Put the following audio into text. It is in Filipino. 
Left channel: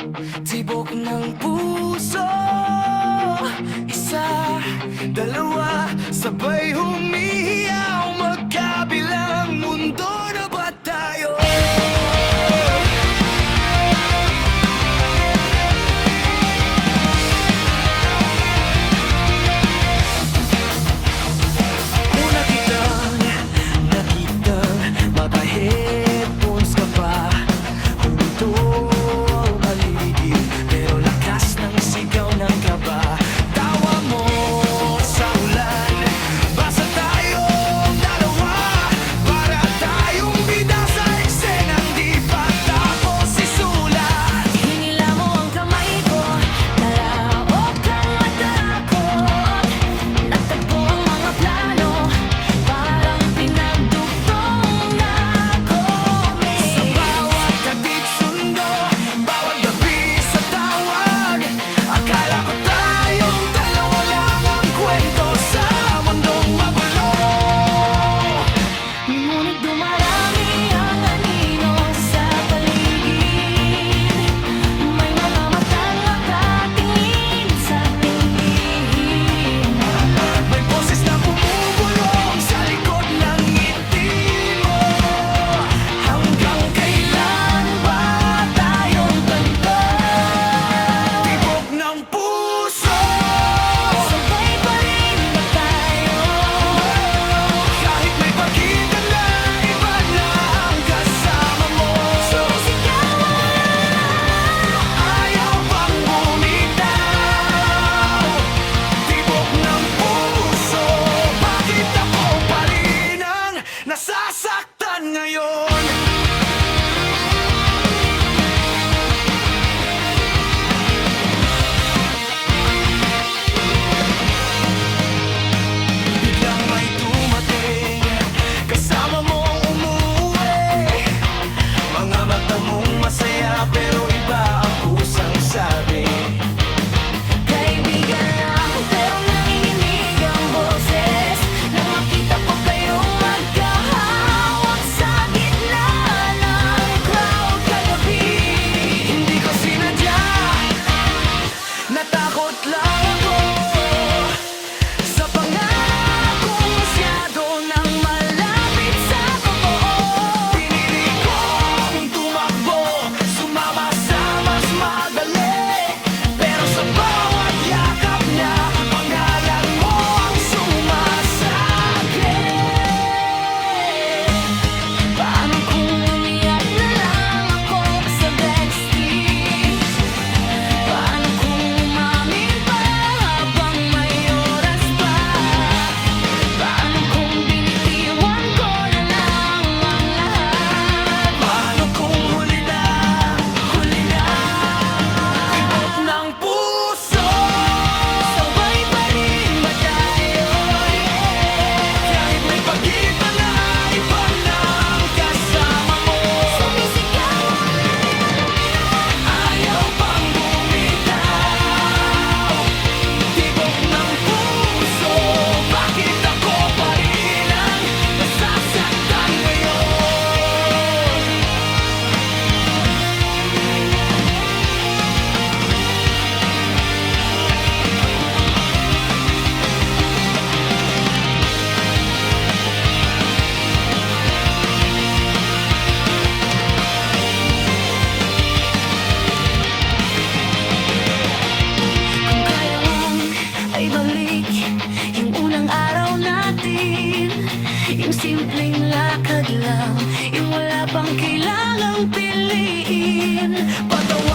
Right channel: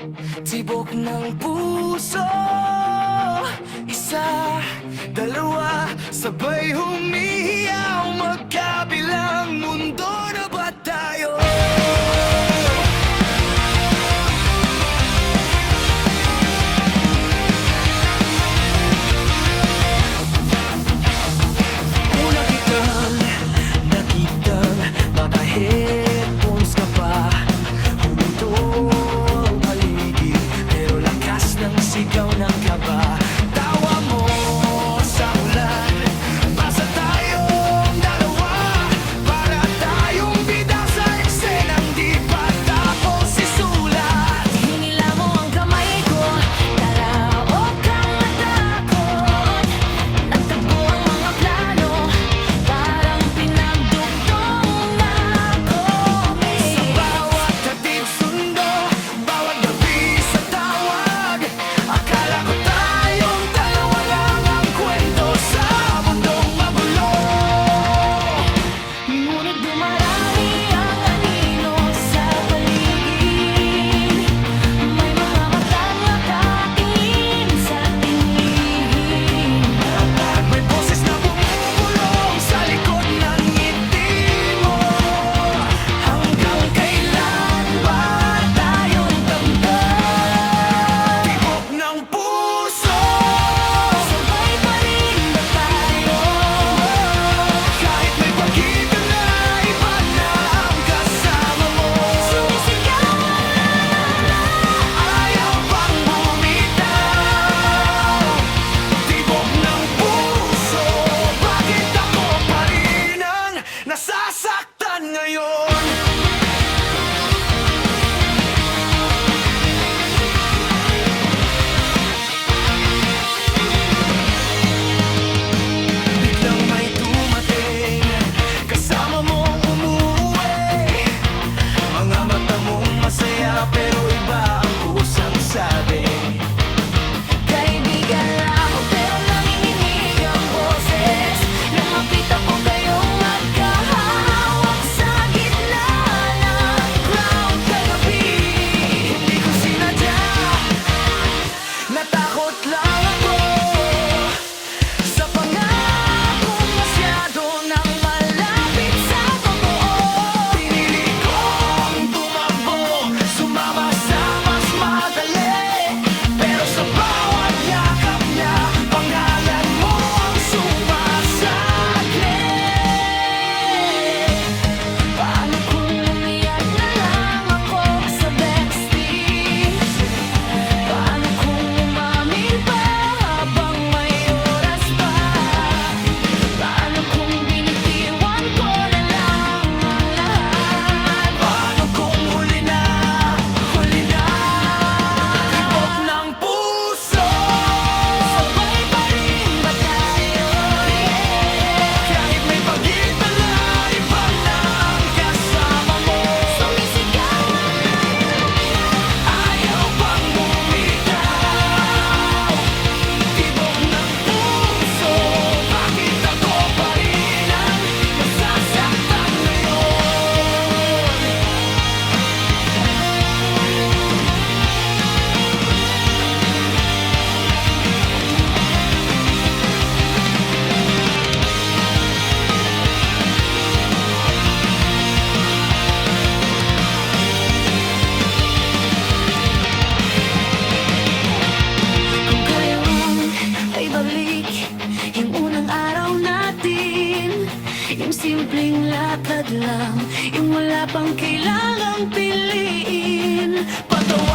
Tibok ng puso, isa, dalawa, sabay humihiyaw, magkabilang mundo na ba tayo? Una kitang nakitang maka-headphones ka pa, huminto ang paligid, pero lakas ng sigaw ng kaba. Tawa mo sa ulan, basta tayong dalawa, para tayong bida sa eksenang di pa tapos isulat. Hinila mo ang kamay ko, tara huwag kang matakot. Nagtagpo ang mga plano, parang pinagdugtong na kami. Sa bawat hatid sundo, bawat gabi sa tawag, akala ko tayong dalawa lang ang kwento sa mundong magulo. Ngunit dumarami ang anino sa paligid, may mga matang nakatingin sa tingin. May boses na bumubulong sa likod ng ngiti mo. Hanggang kailan ba tayong tampad? Tibok ng puso, Sabay pa rin ba tayo? kahit may pagitan na iba na ang kasama mo. Sumisigaw Ayaw pang bumitaw. Tibok ng puso, bakit ako pa rin ang nasasaktan ngayon? Biglang may dumating, kasama mong umuwi. Mga mata mong masaya pero iba ang kusang sabi. kaibigan lang, pero nanginginig ang boses nang makita ko kayong magkahawak sa gitna ng crowd kagabi. Hindi ko sinadya, natakot lang ako sa pangakong masyado nang malapit sa totoo. Pinili kong tumakbo, sumama sa mas madali, pero sa bawat yakap niya, pangalan mo ang sumasakit. Paano kung umiyak na lang ako sa backstage? Paano kung umamin pa habang may oras pa? Paano kung binitiwan ko na lang ang lahat? Paano kung huli na, huli na? Tibok ng puso, Sabay pa rin ba tayo? kahit may pagitan na iba na ang kasama mo. Sumisigaw Ayaw pang bumitaw. Tibok ng puso, bakit ako pa rin ang nasasaktan ngayon? Kung kaya lang ay balik yung unang araw natin, yung simpleng lakad lang, yung wala pang kailangang piliin. Patawa